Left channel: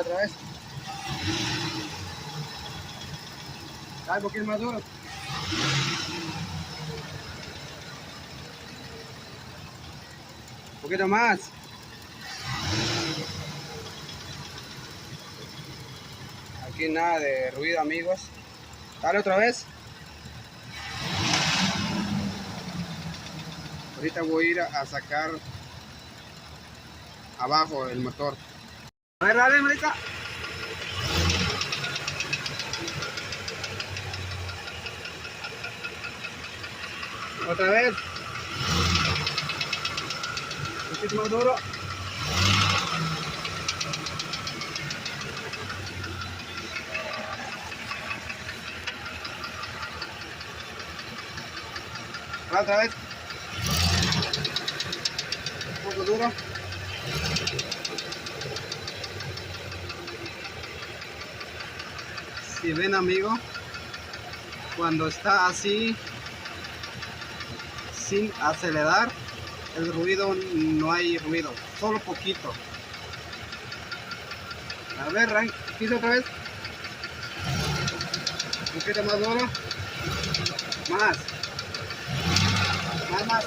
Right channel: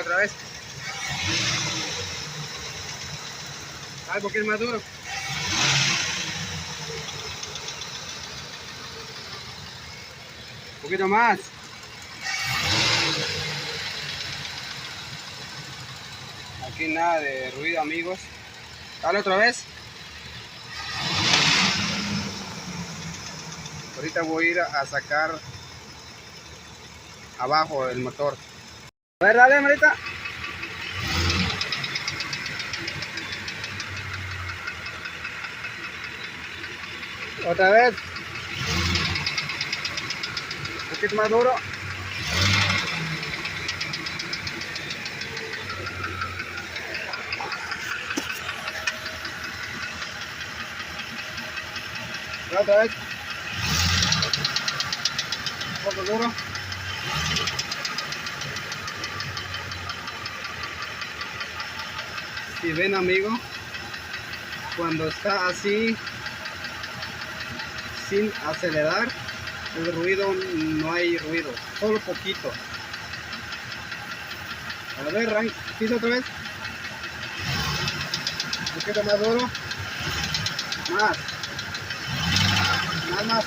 Otra vez. Dale un poquito más duro. Un poquito más. Aquí nada de ruido, amigos. Dale otra vez. Ahorita voy a ir a sacar abajo el motor. A ver, dale, Marita. Otra vez. Un poquito más duro. Otra vez. Un poco duro. Si ven, amigo, cuando está así sin acelerar, el ruido, no hay ruido, solo poquito. A ver, pisa otra vez. Un poquito más duro. Más. Más.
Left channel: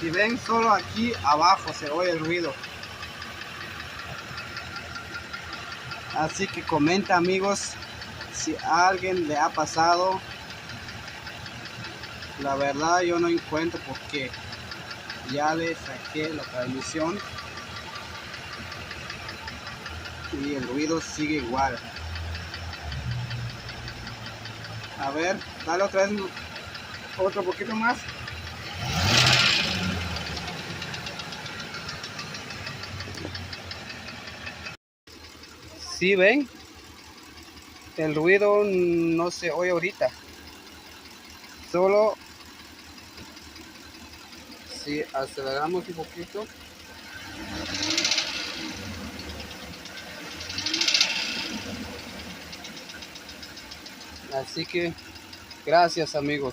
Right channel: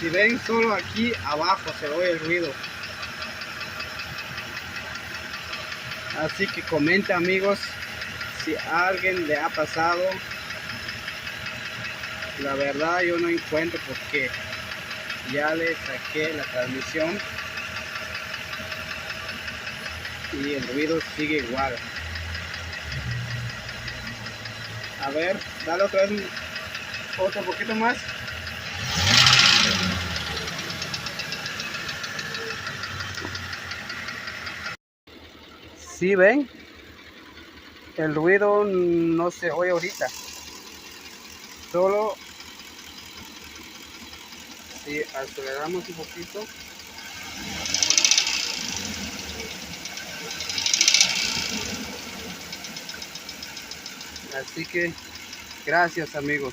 Si ven, solo aquí abajo se oye el ruido. Así que comenta, amigos, si a alguien le ha pasado. La verdad yo no encuentro por qué. Ya le saqué la transmisión y el ruido sigue igual. A ver, dale otra vez, otro poquito más. ¿Sí ven? El ruido no se oye ahorita. Solo si aceleramos un poquito. Así que gracias, amigos.